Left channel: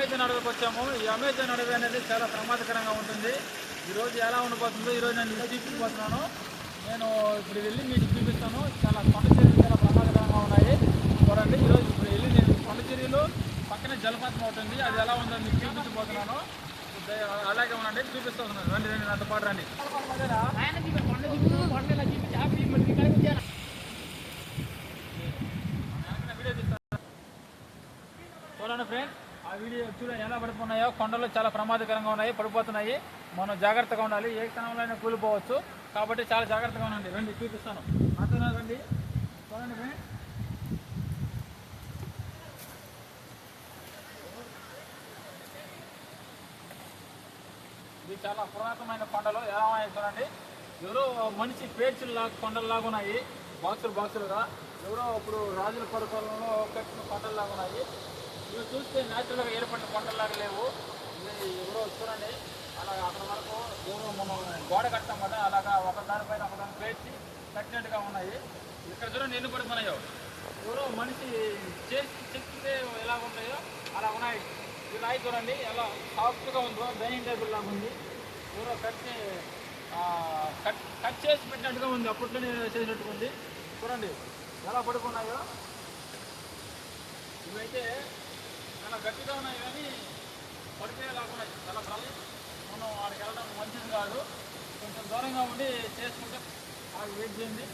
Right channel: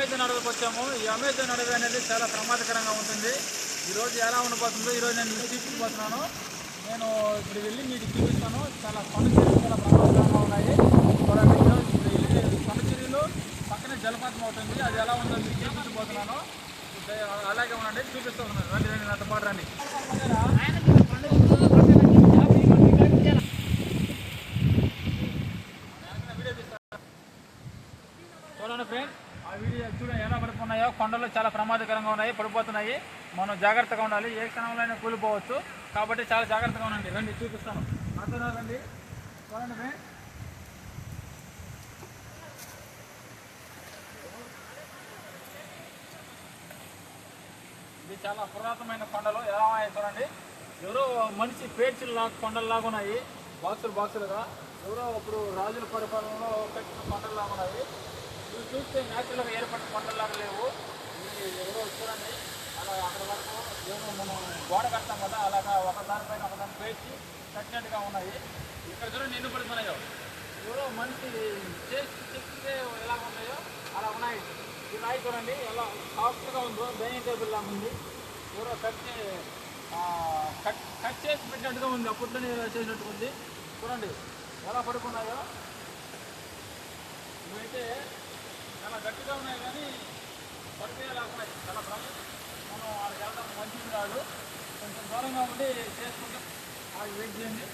Amazon అడవికి వచ్చాము. ఈ అమెజాన్ అడవి అనేది చాలా ప్రమాదకరంగా ఉంటుంది. ఈరోజు ఎలా ఉండిపోతుందో ఈరోజు నేను మీకు చూపించబోతున్నాను. నేను ఇప్పుడు వెళ్ళి మీకు చూపిస్తాను. చాలా కొండ చర్యలు చాలా ప్రమాదకరంగా ఉన్నాయి. చూడండి, ఈరోజు వెళ్ళి నేను కొండ చర్యలు పక్కనే జలపాతం అవుతుంది. అది ఎలా ఉందో మీకు చూపించబోతున్నాను. అలాగే ఉండండి, చూపిస్తున్నాను. రండి రండి, నాతో పాటు రండి. చూడండి ఫ్రెండ్స్, ఆ వీడియో చూడండి ఎలా పడిపోతున్నాయో. కొండలు చాలా ప్రమాదకరంగా ఉన్నాయి, పడిపోతున్నాయి. మనం జాగ్రత్తగా ఉండాలి. ఏ క్షణంలో అయినా కూలిపోవచ్చు. కాబట్టి చాలా జాగ్రత్తగా ఉండండి. రండి, చూపిస్తాను. అతను రండి, చూడండి ఫ్రెండ్స్. ఇది చాలా పురాతనమైన కొండలు. ఎలా ఉన్నాయి చూడండి. ఎవరో మనిషి పేర్చుల్లాగా కొండల్లాగా ఉన్నాయి, బాక్సులుగా. ఎవరో అప్పుడు రాజుల పరిపాలనలో కట్టిన కొండల్లాగా ఉన్నాయి. ఇవి చూస్తే న్యాచురల్గా ఏర్పడిన కొండల్లాగా లేవు. ఎవరో చూడండి, అలా అక్కడ వరకు ఎవరో మనం గోడ కడతాం కదా, అలాగా ఒకదానిపైన ఒకదాని పేర్చి కట్టినట్టుగా ఉన్నాయి. ఇక్కడ చూడండి ఎన్ని పడుతున్నాయో. ఎవరో మనిషి చేస్తే ఎలా ఉంటాయో అలా ఉన్నాయి. ఈ రాయి చూడండి ఎలా సాఫ్ట్గా ఉందో, డైనింగ్ టేబుల్ లాగా ఉంది. ఎవరో కట్ చేసి పెట్టినట్టుగా ఉంది, అప్పట్లో నేను చేసినట్టుగా ఉంది. చూడండి ఎలా పడుకున్నాయో. ఇవైతే చాలా గట్టిగా ఉన్నాయి కానీ పడిపోయేలాగున్నాయి. చాలా మనం వాడికి వెళ్ళడం మంచిది కాదు. కొంచెం దూరంగా ఉండి చేసుకుంటే వెయిట్ చేయండి.